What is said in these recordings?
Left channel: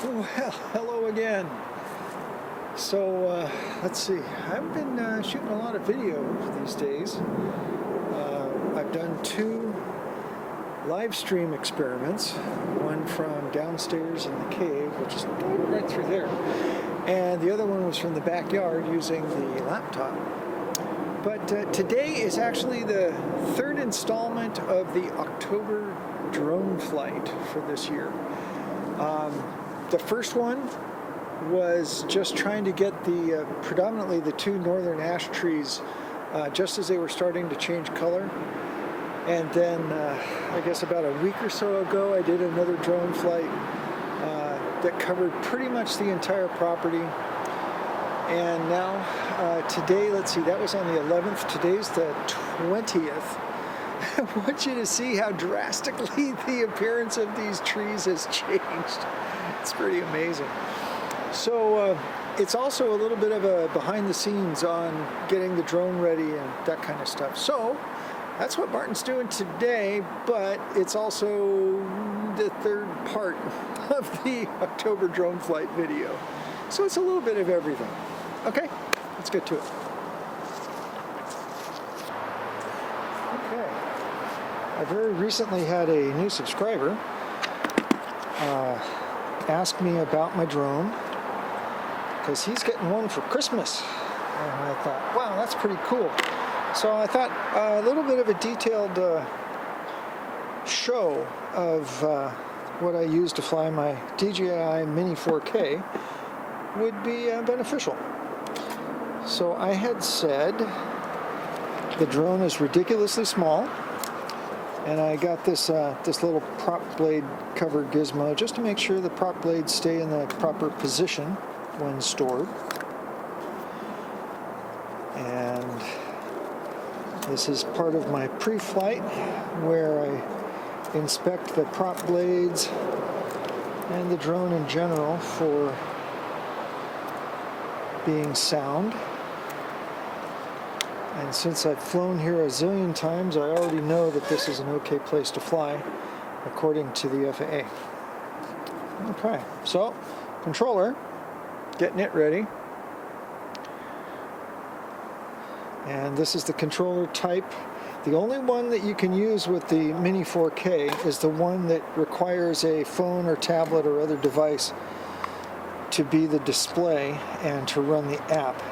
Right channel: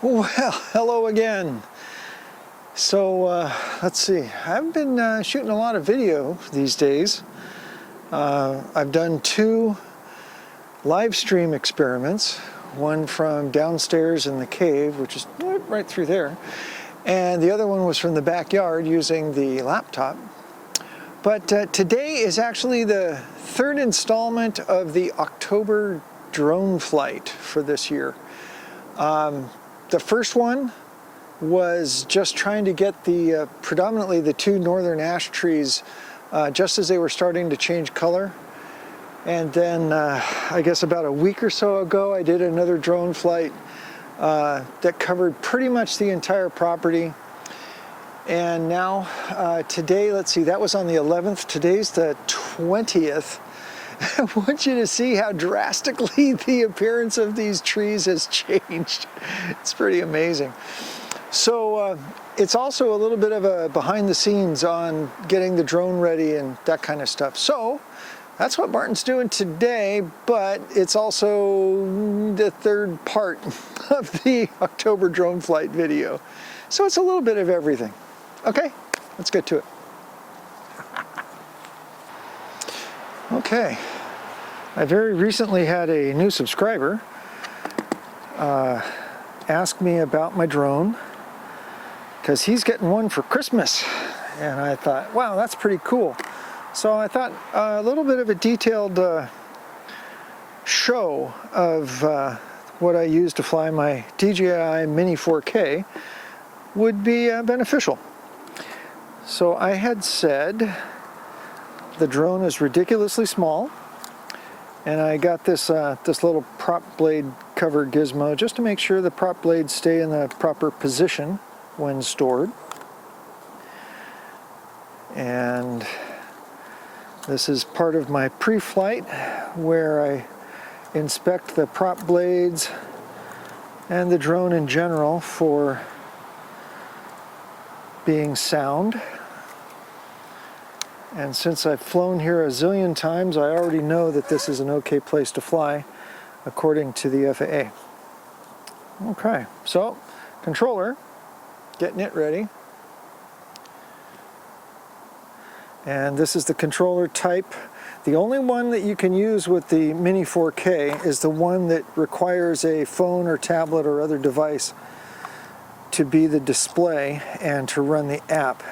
Well, hello again. So let's see, I've been shooting a lot of video these days. I've done 2 live stream experiments, one from downstairs in the cave, which is right through there, and the other one was from the backyard using the laptop. But today is actually the 3rd installment of the October drone flight for this year. The first one was just trying to get the predominantly the 2 northern ash trees just as they were starting to change color. And then I guess about a week or so ago I did another drone flight that covered pretty much the entire property. And now today, let's see, that was on the 11th. Today's the 20th. I want you to see how drastically the appearance of these trees has changed. It's pretty amazing. So it's also a little bit of a behind the scenes on getting the drone ready and that kind of stuff. So that's what Martin's doing today, but it's also the 3rd part of the October drone flight video. So it's a little bit of everything. Okay, let's get to it. Okay, I very recently had a new subscriber ask me about my drone because he's getting one for Christmas, and I thought, wow, that's pretty cool. So I thought a little bit of a detailed show of what I use to fly my DJI Mini 4K would be beneficial. So I had said the drone is ridiculously small, and I got this this little prop blade cover gizmo just to make sure the prop blades stay in the proper position when stored. And this is part of my pre-flight where I inspect the prop blades and the drone in general for being sound. And since I've flown here a zillion times, I already know that this is an okay place to fly, according to the FAA. Okay, so controller, getting it ready. And this is the controller type. The only one that you can use with the Mini 4K is the one that requires a phone or tablet or other device to be the display and to run the app.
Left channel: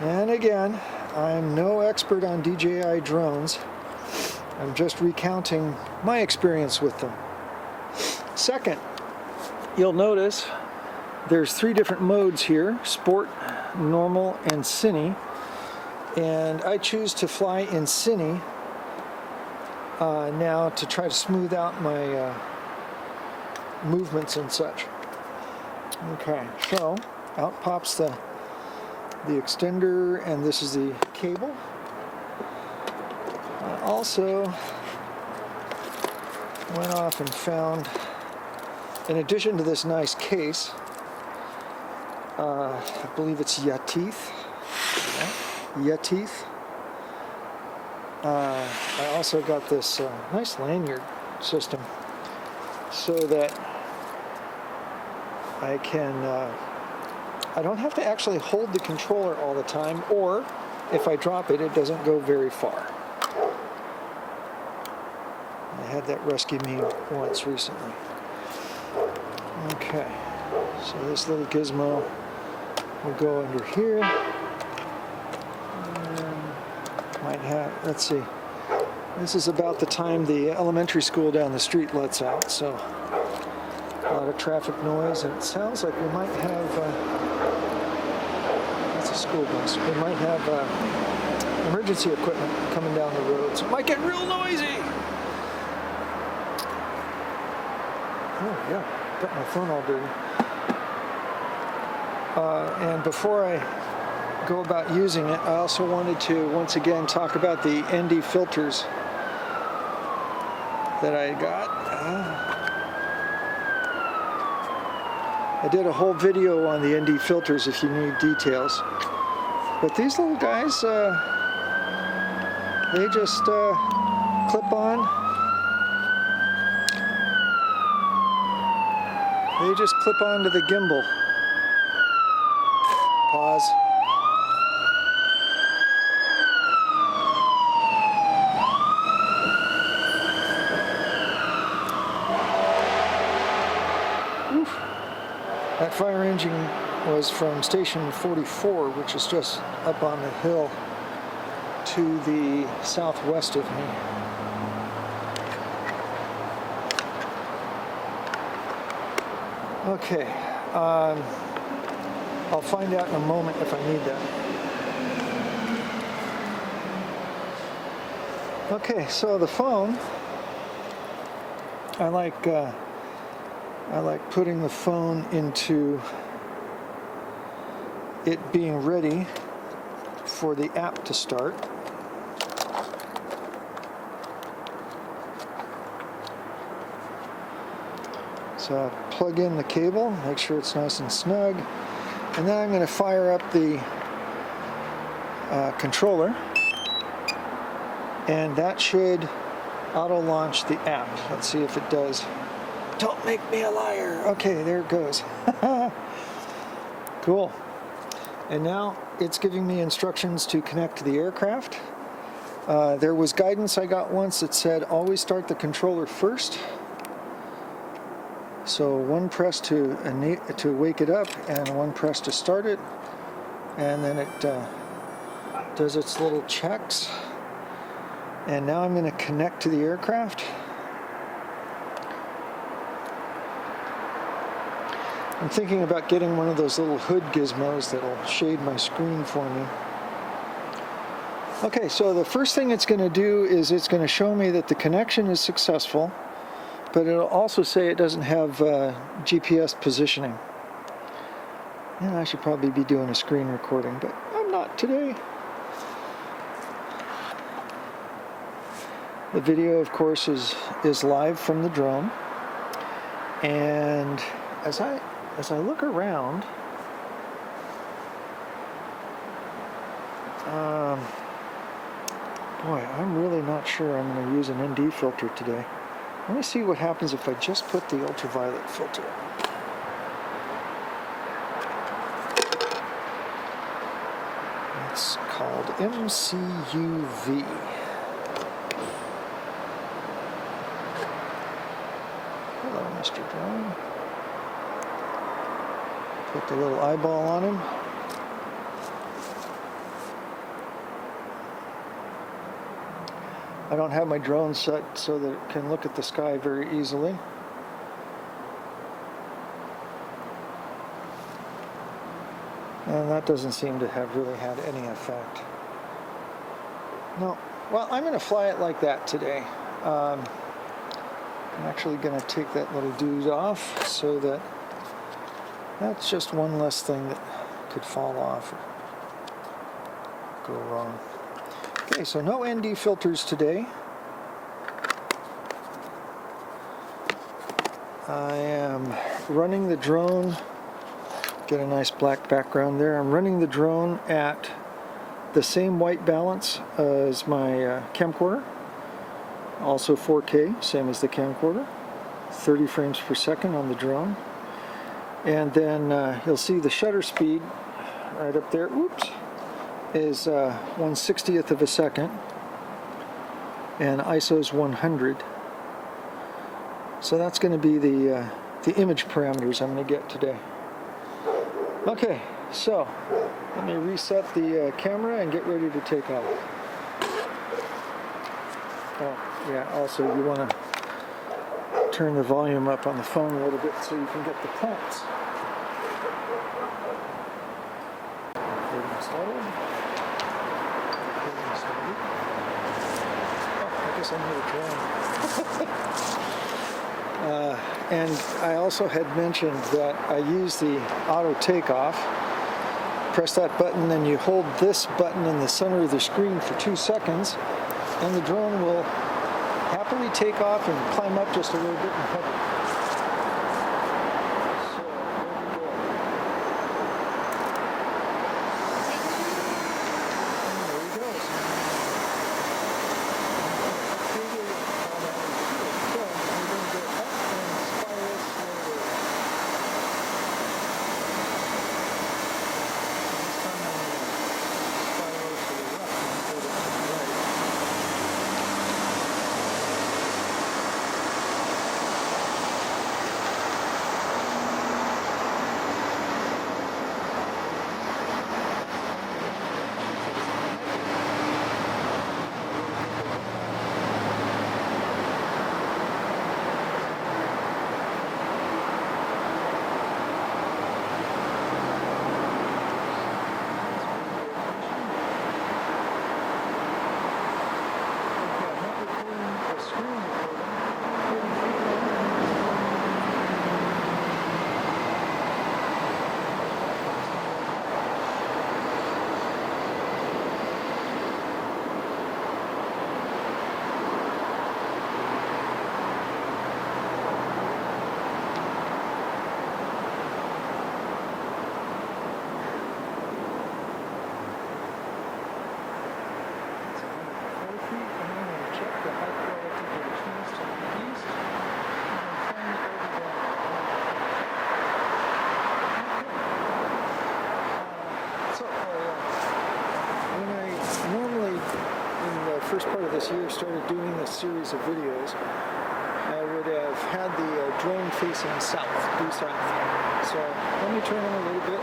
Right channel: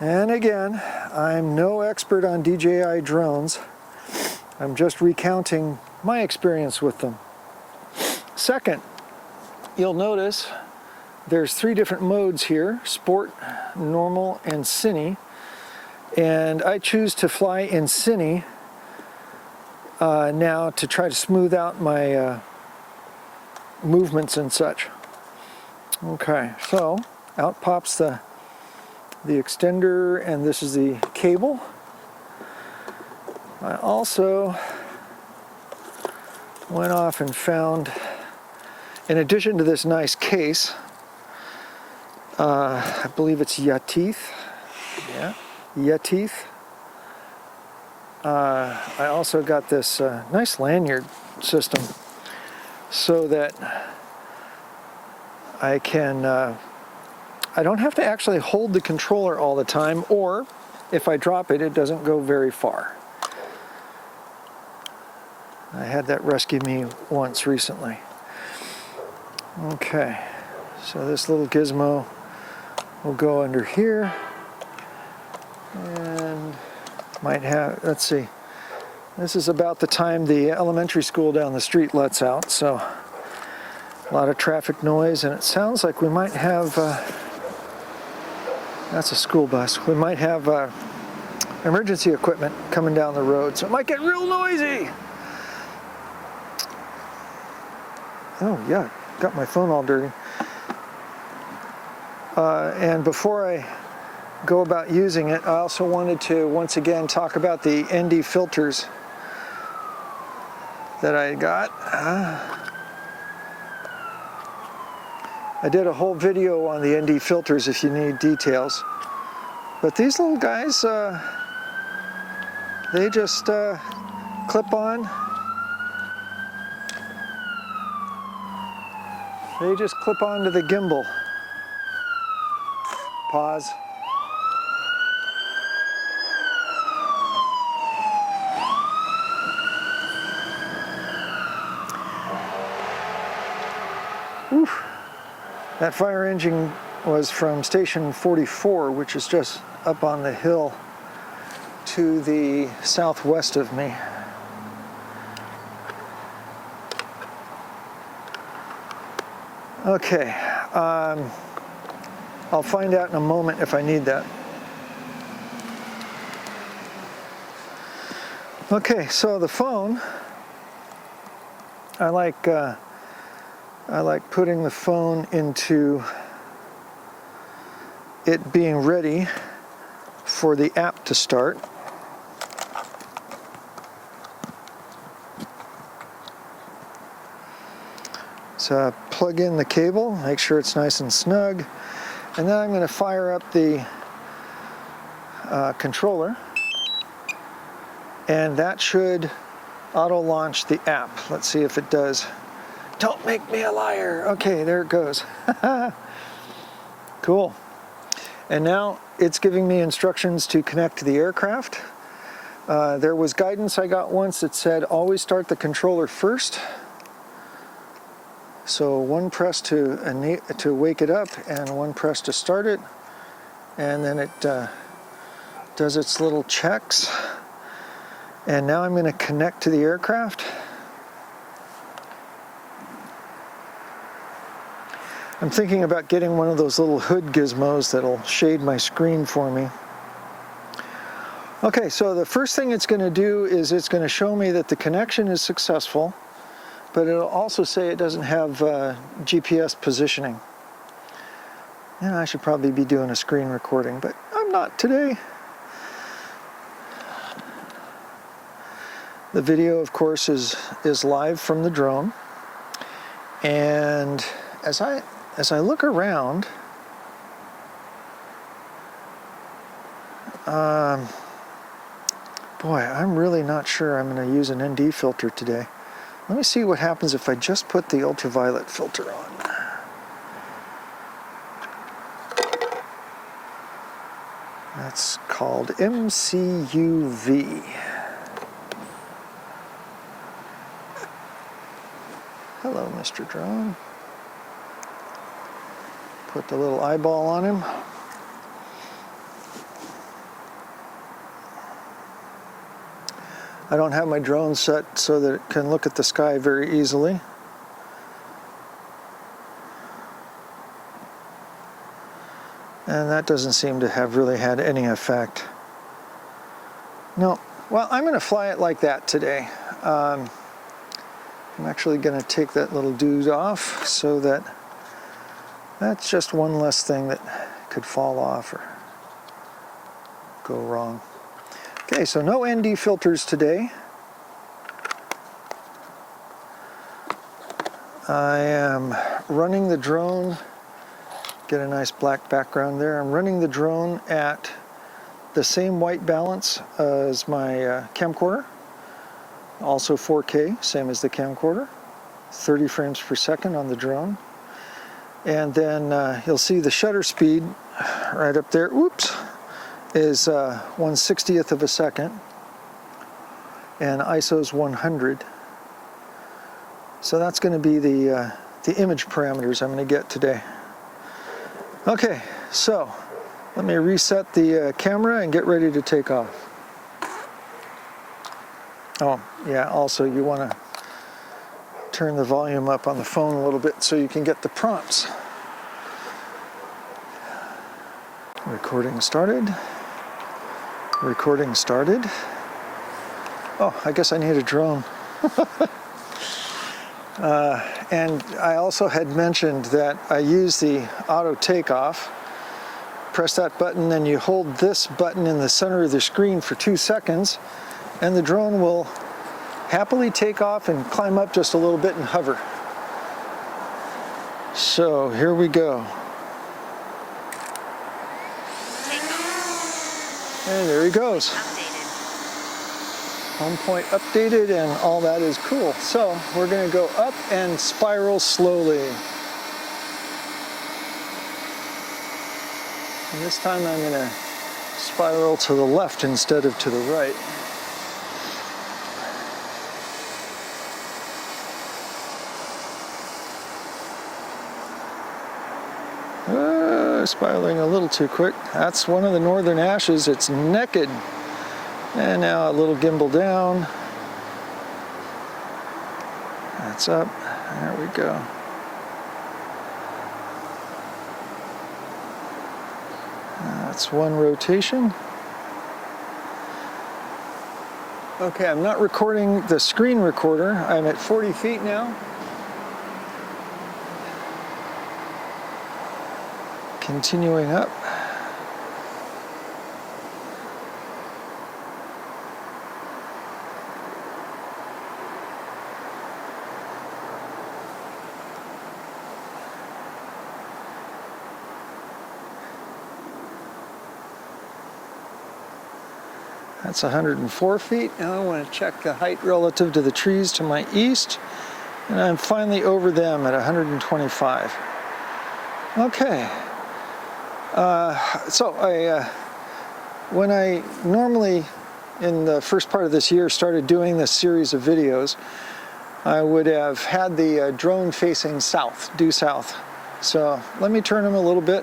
And again, I'm no expert on DJI drones. I'm just recounting my experience with them. Second, you'll notice there's 3 different modes here: Sport, Normal, and Cine. And I choose to fly in Cine now to try to smooth out my movements and such. Okay, so out pops the extender, and this is the cable. I also went off and found, in addition to this nice case, I believe it's Yeteeth. Yeah, Yeteeth. I also got this nice lanyard system so that I can I don't have to actually hold the controller all the time, or if I drop it, it doesn't go very far. I had that rescue me once recently. Okay, so this little gizmo will go under here, and might have, let's see, this is about the time the elementary school down the street lets out, so a lot of traffic noise, and it sounds like we might have that's a school bus. We might have emergency equipment coming down the road, so it might get real noisy. Oh yeah, got my phone all dirty. And before I go about using it, I also wanted to once again talk about the ND filters that I got. I did a whole video on the ND filters if you need details. But these little guys, they just clip on They just clip onto the gimbal. Pause. Oof. That fire engine was from station 44, which is just up on the hill to the southwest of me. Okay, I'll find out in a moment if I need that. Okay, so the phone, I like putting the phone into it being ready for the app to start. So I plug in the cable, make sure it's nice and snug, and then I'm going to fire up the controller, and that should auto launch the app. Let's see if it does. Don't make me a liar. Okay, there it goes. Cool. And now it's giving me instructions to connect to the aircraft. There was guidance I got once that said always start the controller first. So one press to wake it up and one press to start it, and then it does its little checks. And now I'm going to connect to the aircraft. I'm thinking about getting one of those little hood gizmos that'll shade my screen for me. Okay, so the first thing it's going to do is it's going to show me that the connection is successful, but it'll also say it doesn't have GPS positioning. Yeah, I should probably be doing a screen recording, but I'm not today. The video, of course, is live from the drone, and as I look around, boy, I'm really not sure I'm going to use an ND filter today. Let me see what happens if I just put the ultraviolet filter on. It's called MCUV. Hello, Mr. Drone. Put the little eyeball on him. I don't have my drone set so that it can look at the sky very easily. And that doesn't seem to have really had any effect. No, well, I'm going to fly it like that today. I'm actually going to take that little dude off so that that's just one less thing that could fall off or go wrong. Okay, so no ND filters today. I am running the drone, get a nice black background there. I'm running the drone at the same white balance as my camcorder, also 4K, same as the camcorder, 30 frames per second on the drone. And then you'll see the shutter speed right up there. Whoops. Is 1/60th of a second, and ISO's 100. So that's going to be the image parameters I'm going to get today. Okay, so let me reset the camera and get ready to take off. Oh, yeah, also you want to turn the volume up on the phone a little bit so you can get the prompts. Recording started. Recording started. Oh, I guess I need a drone. And I also had mentioned that I use the auto takeoff. Press that button, then you hold this button in the center of the screen for 2 seconds, and the drone will happily take off and climb up just a little bit and hover. So here we go. And there he goes. Home point updated and all that is cool. So we're going to go up and spiral slowly. This time I'm going to spiral to the left instead of to the right. Spiraling a little too quick. That's one of the northern ashes. It's naked. And now a little gimbal down. That's up. There we go. That's one rotation. Okay, I'm not recording the screen recorder. I'm at 40 feet now. Continuing up. That's 104 feet. Now I want to check the height relative to the trees to my east. And I'm finally over them at 125. Okay. When I normally, in the first part of this year, started doing this series of videos, I would have had the drone facing south, due south. So let me turn him a little bit.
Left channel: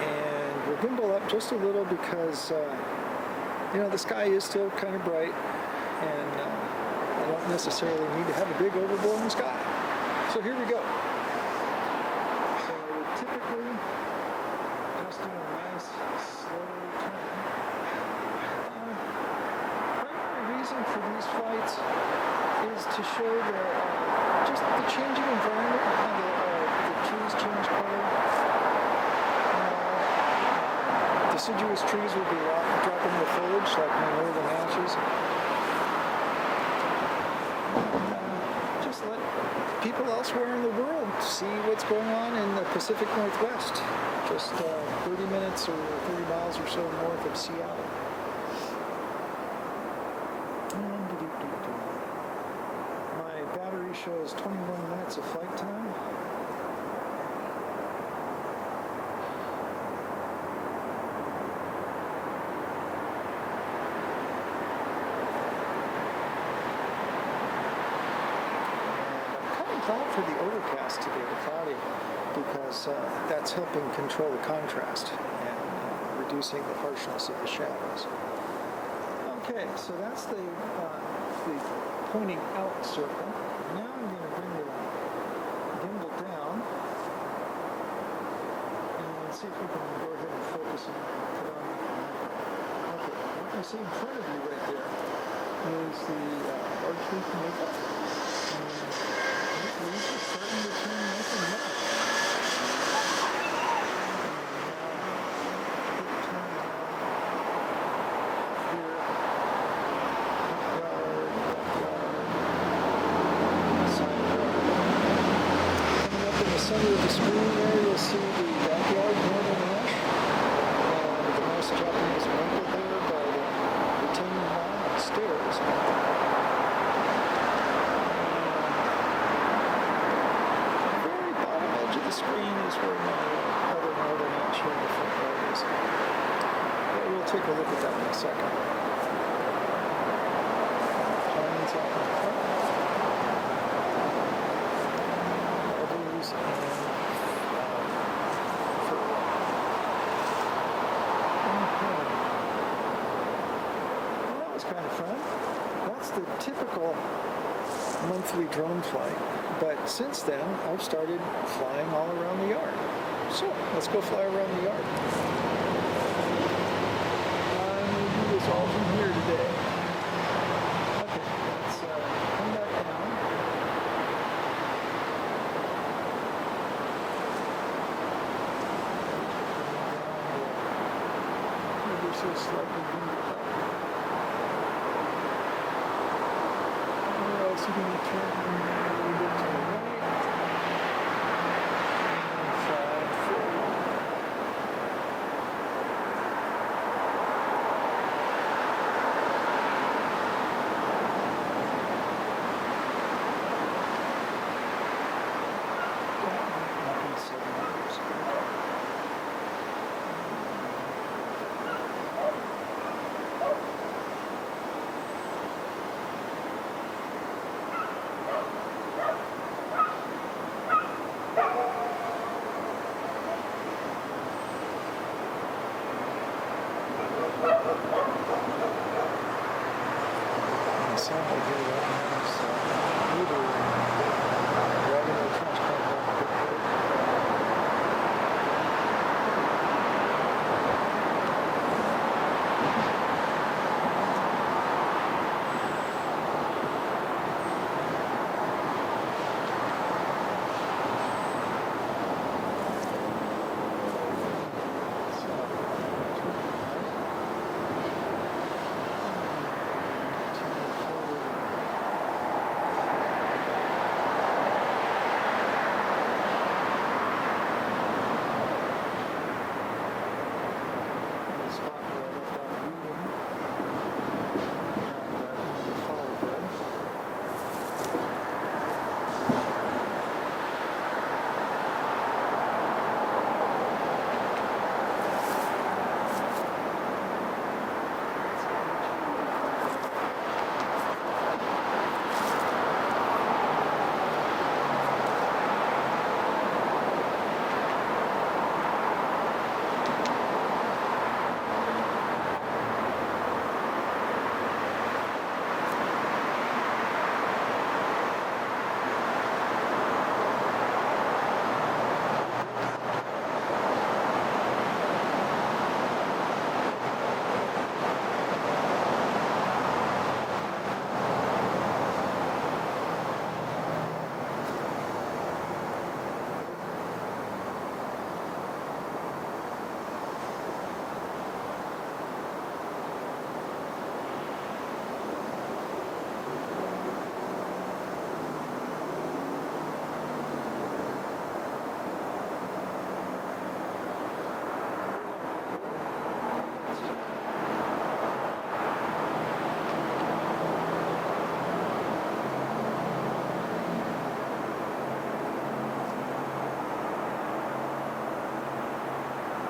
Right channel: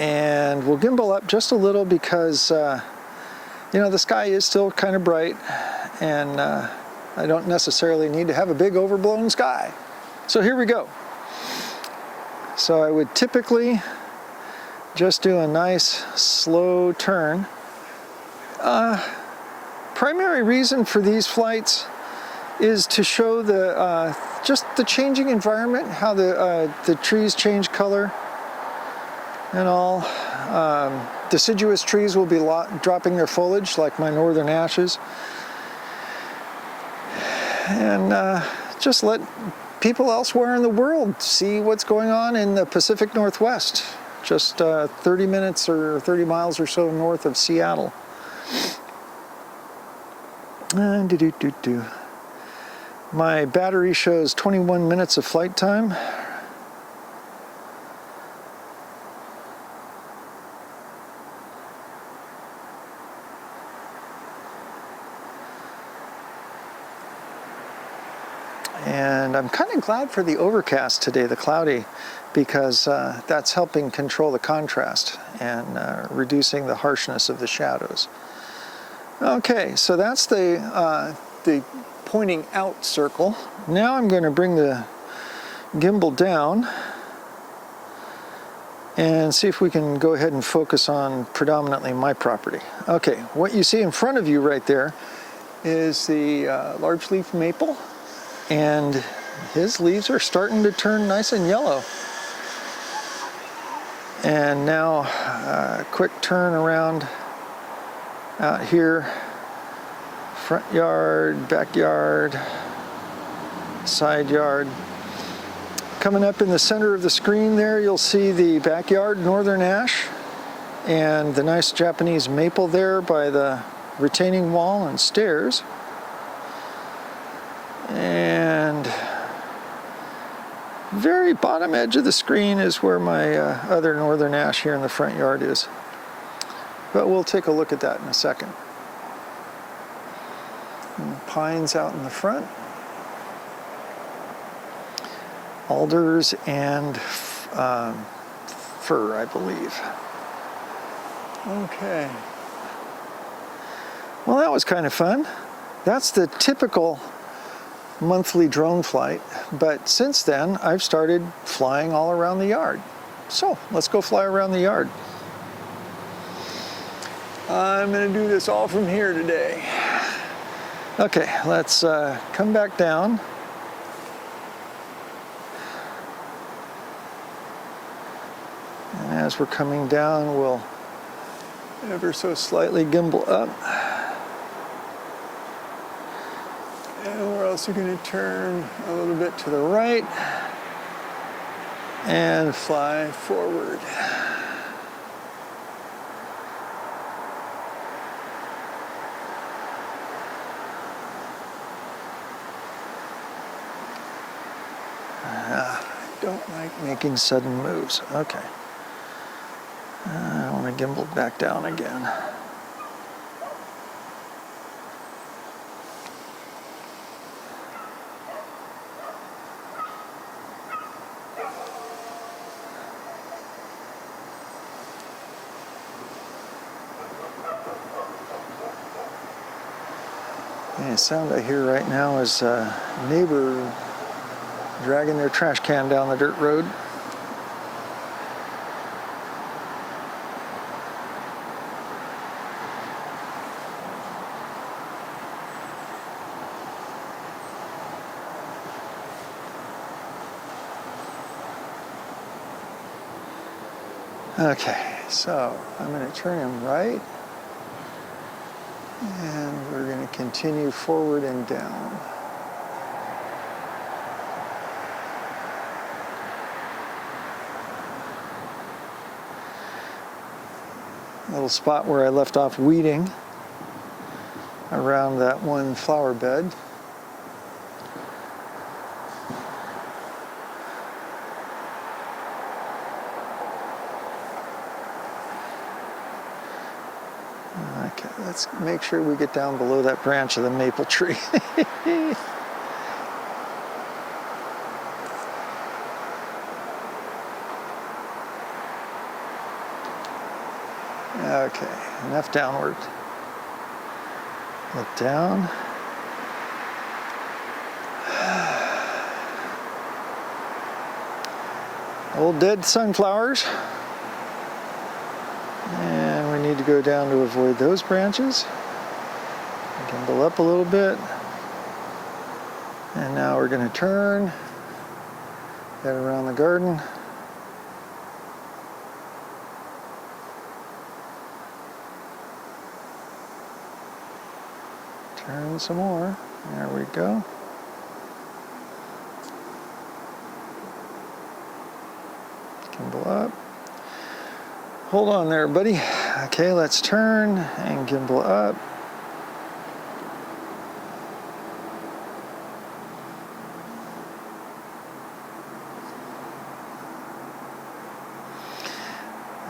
And we'll gimbal up just a little because, you know, the sky is still kind of bright, and I don't necessarily need to have a big overblown sky. So here we go. So I would typically just do a nice slow turn. Primary reason for these flights is to show the just the changing environment, how the trees change color and all. Deciduous trees will be dropping their foliage, like my northern ashes, and just let people elsewhere in the world see what's going on in the Pacific Northwest, just 30 minutes or 30 miles or so north of Seattle. And my battery shows 21 minutes of flight time. And I'm kind of glad for the overcast today, the cloudy, because that's helping control the contrast and reducing the harshness of the shadows. Okay, so that's the pointing out circle. Now I'm going to bring the gimbal down and see if we can go ahead and focus on predominantly my property. Okay, what you see in front of you right there is the large leaf maple. And his leaves are starting to turn nice and yellow. And now a quick turn around out here. Front yard, backyard, side yard. Coming up in the center of the screen there, you'll see the backyard northern ash and the nice Japanese maple there by the retaining wall and stairs. And very bottom edge of the screen is where my other northern ash here in the front yard is. But we'll take a look at that in a second. And pines out in the front. Alders and fir, I believe. Okay. Well, that was kind of fun. That's the typical monthly drone flight, but since then I've started flying all around the yard. So let's go fly around the yard. I'm going to do this all from here today. Okay, let's come back down. And as we're coming down, we'll ever so slightly gimbal up. We're also going to turn a little bit to the right and fly forward. Don't like making sudden moves. Okay. I want to gimbal back down again. The sound I hear right now is a neighbor dragging their trash can down the dirt road. Okay, so I'm going to turn right. And we're going to continue forward and down. A little spot where I left off weeding around that one flower bed. Let's make sure we get down below that branch of the maple tree. Okay, enough downward. Get down. Old dead sunflowers. Need to go down to avoid those branches. Gimbal up a little bit. And now we're going to turn, get around the garden. Turn some more. There we go. Gimbal up. Hold on there, buddy. Okay, let's turn and gimbal up.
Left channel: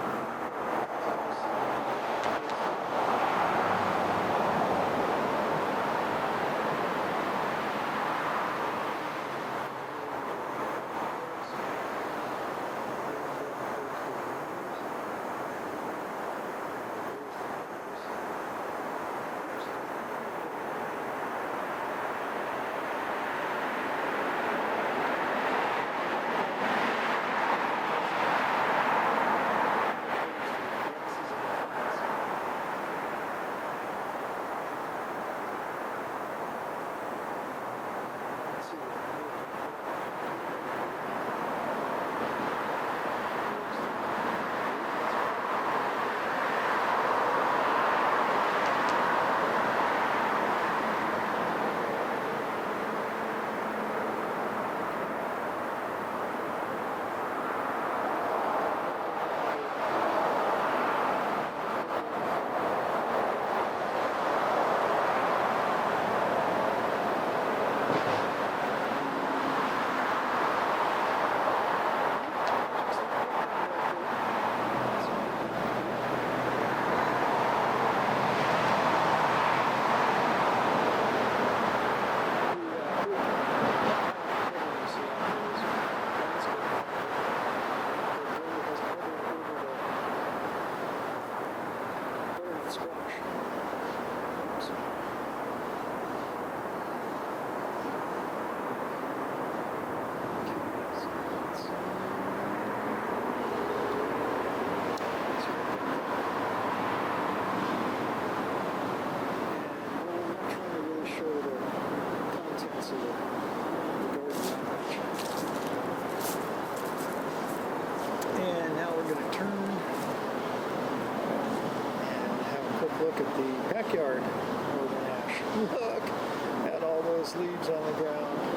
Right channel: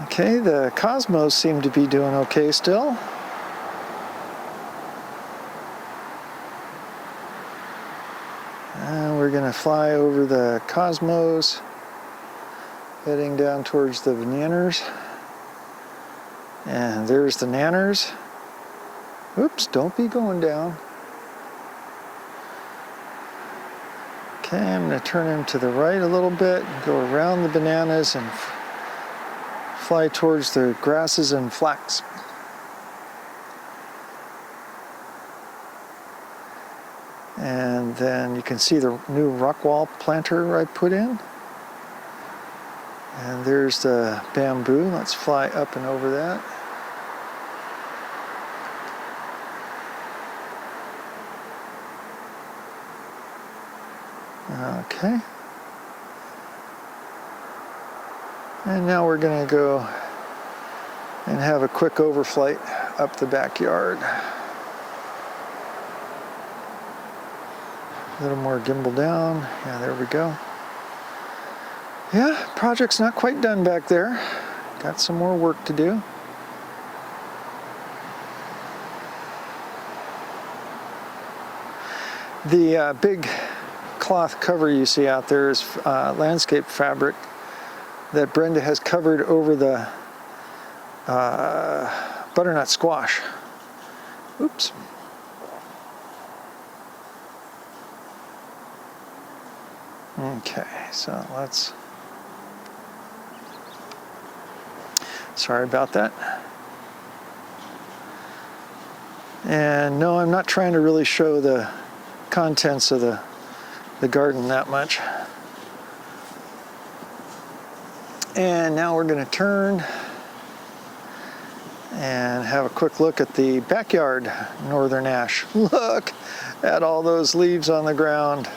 Okay, the cosmos seem to be doing okay still. And we're going to fly over the cosmos, heading down towards the bananas. And there's the nanners. Oops, don't be going down. Okay, I'm going to turn them to the right a little bit, go around the bananas and fly towards the grasses and flax. And then you can see the new rock wall planter I put in. And there's the bamboo. Let's fly up and over that. Okay. And now we're going to go and have a quick overflight up the backyard. A little more gimbal down. Yeah, there we go. Yeah, project's not quite done back there. Got some more work to do. The big cloth cover you see out there is landscape fabric that Brenda has covered over the butternut squash. Oops. Okay, so let's... Sorry about that. And no, I'm not trying to really show the contents of the garden that much. And now we're going to turn and have a quick look at the backyard northern ash. Look at all those leaves on the ground.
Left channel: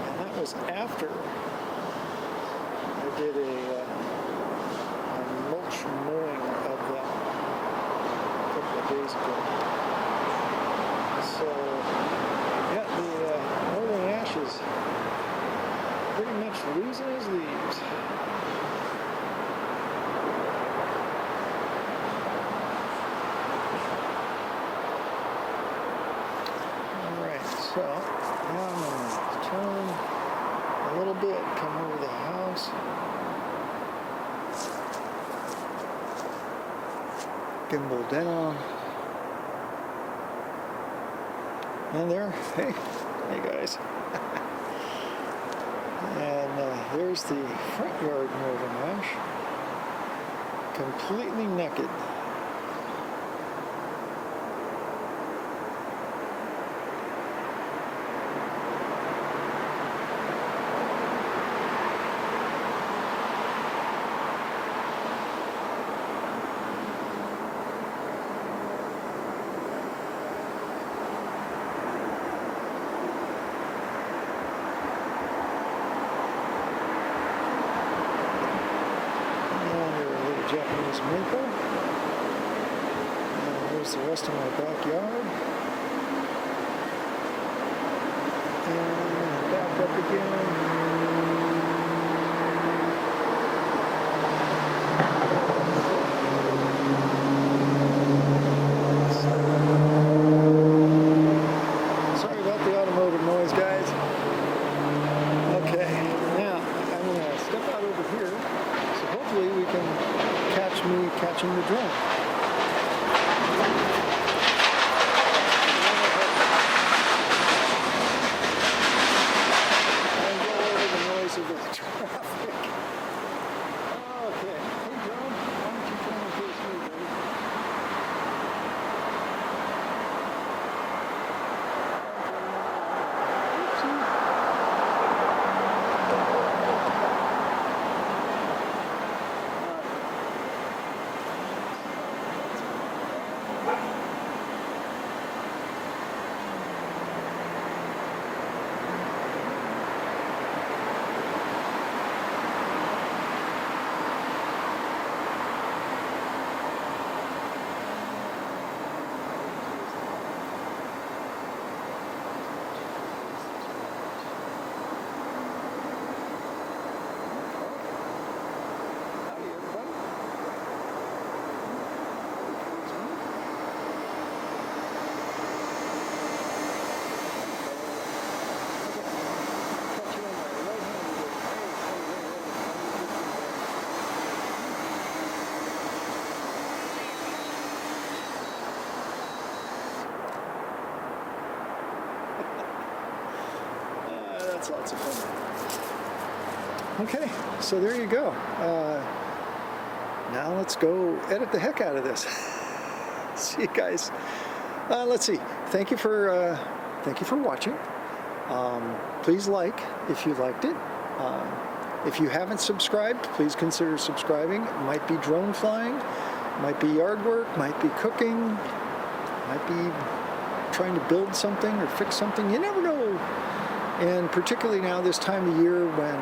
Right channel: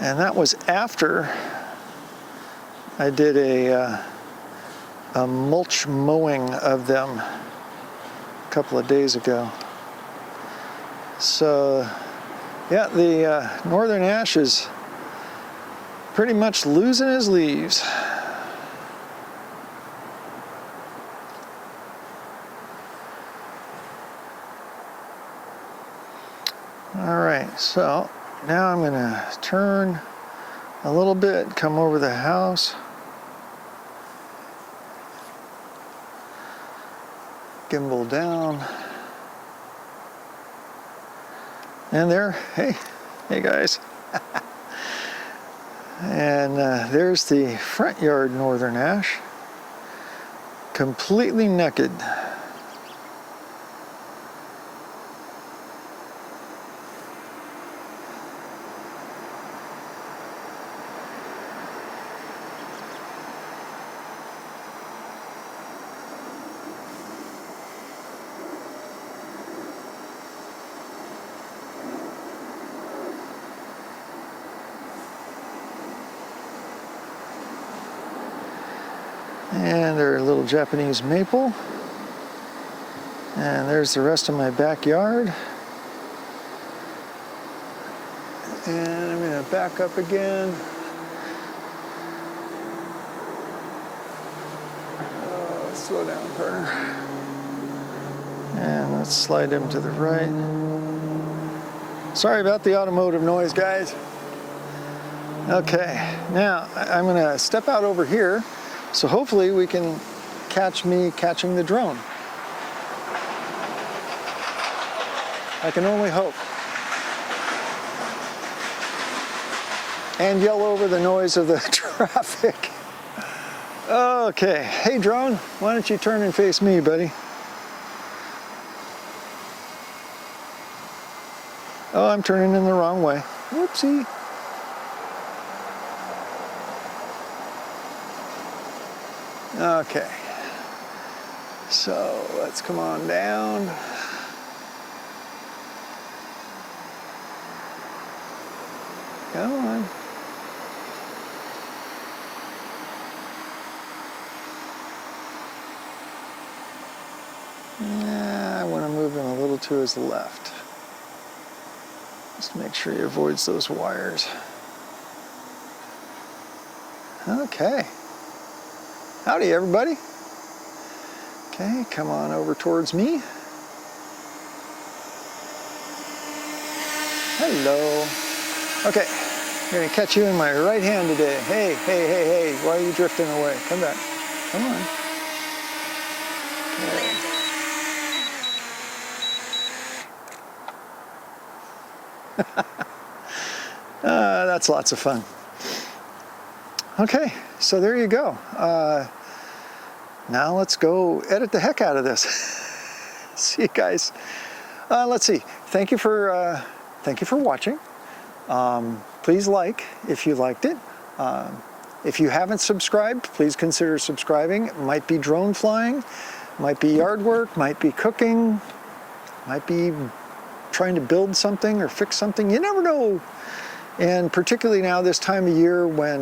And that was after I did a mulch mowing of them a couple of days ago. So, yeah, the northern ash is pretty much losing his leaves. right, so now I'm gonna turn a little bit, come over the house. Gimbal down. And there, hey guys. And there's the front yard northern ash, completely naked. And there's a little Japanese maple. And there's the rest of my backyard. And I'm going to back up again. Slow down there. And let's slide him to the right. Sorry about the automotive noise, guys. Okay, now I'm going to step out over here. So hopefully we can catch me catching the drone. I can only hope. And yell over the noise of the traffic. Okay, hey drone, why don't you turn and face me, buddy? Oh, I'm turning in the wrong way. Whoopsie. Okay, so let's come on down. Come on. I want to move him a little to his left. Just make sure he avoids those wires. Okay. Howdy, everybody. Okay, come on over towards me. Hello. Okay, I'm gonna catch you in my right hand today. Hey, hey, hey, hey, why are you drifting away? Come back. Come on. That's lots of fun. Okay, so there you go. Now let's go edit the heck out of this. See you guys. Let's see. Thank you for watching. Please like if you liked it. If you haven't subscribed, please consider subscribing. It might be drone flying, might be yard work, might be cooking, might be trying to build something or fix something. You never know. And particularly now this time of year when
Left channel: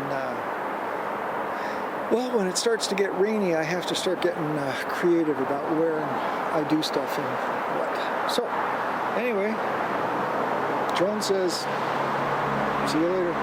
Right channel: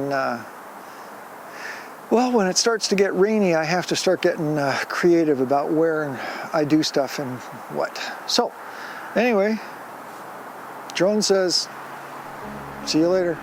well, when it starts to get rainy, I have to start getting creative about where I do stuff and what. So, anyway, drone says, see you later.